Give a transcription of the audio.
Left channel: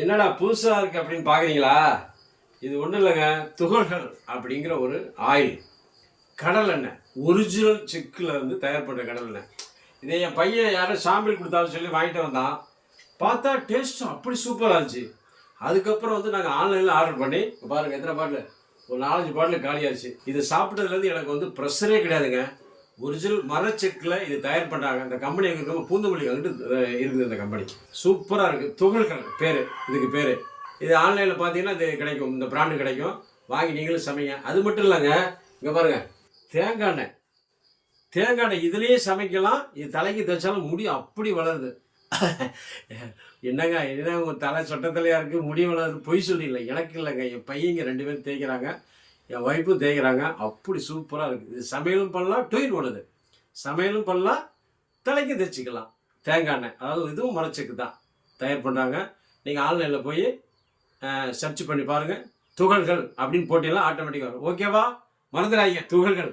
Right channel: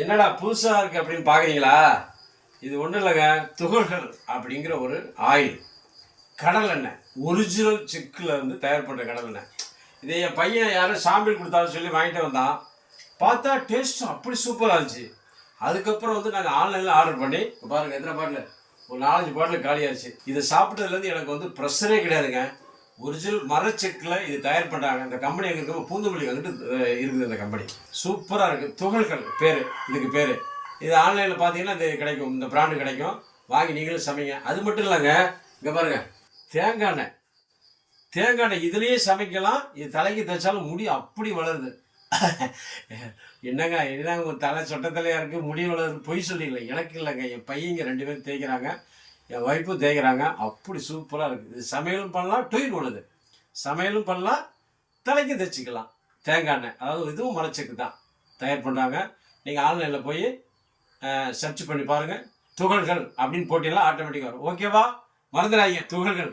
என்னடா புதுசாக இருக்குது அப்படின்னு பார்க்குறீங்களா? இது ஒன்றும் இல்லைங்க, துகள்கள் அப்படிங்கிற ஒரு ஆயில், கடல் எண்ணெய், ஒரிஜினல் சிக்கில் வந்து தயார் பண்ணுற கடல் எண்ணெய். இதை என் பையன் யாரும் சாம்பிள் கொடுத்தாலும் சொல்லி வாங்கிட்டு வந்தான். பார்த்தா டேஸ்ட்டு அப்படி சூப்பராக இருந்துச்சு. அதுக்கப்புறம் வந்து நாங்கள் ஆன்லைனில் ஆர்டர் பண்ணி பாருங்கள், எத்தனை பாட்டில், ஒரு 4-5 பாட்டில் காலியாகிடுச்சு. இது சாப்பிட்டதுலேருந்து எனக்கு வந்து ப்ரெஷரே கிடையாதுங்க. ஒரிஜினல் மரச்செக்கில் இது தயார் பண்ணுறாங்க. இந்த கம்பெனி எங்கே இருக்கும், பூந்தமல்லி அங்கிட்டு இருக்குது. இந்த கம்பெனி சூப்பராக இருக்குது. துகள்கள் பேர், இதுக்கு பேர். இது ஆன்லைனில் பார்த்தீங்கன்னா இது கிடைக்கும், இந்த பிராண்டு கிடைக்கும். வாங்கி நீங்களும் சமைங்க. அது மட்டும் இல்லைங்க, இங்கே பாருங்கள், தேங்காய் எண்ணெய். தேங்காய் எண்ணெய் இதுலேயே சமைக்கலாம். இது தலைக்கு தைச்சாலும் முடி அப்படி வளருது. என்னங்க என்ன உங்கள் தலை சொட்டத்தலையாக இருக்குது, முடி வளருது, பொய் சொல்லிடல. எனக்கு இல்லைங்க, என் பையங்க 2 பேரும் தேய்க்கிறாங்க, என் ஒய்ஃபும் தேய்க்கிறாங்க. அப்படி சூப்பராக இருக்குது. இது சமையலும் பண்ணலாம், டொயின் பண்ணுது. சமையலும் பண்ணலாம், தலைக்கு தைச்சிக்கலாம். தேங்காய் எண்ணெய், அதாவது இதுவும் மரச்செக்கு தான் தயார் பண்ணுறாங்க. நீங்கள் ஆன்லைனில் போய் சர்ச் பண்ணி பாருங்கள். துகள்கள் அப்படின்னு போட்டியெல்லாம் ஆட்டோமேட்டிக்காக வரும். ஓகேவா? மறந்துடாதீங்க, துகள்கள்.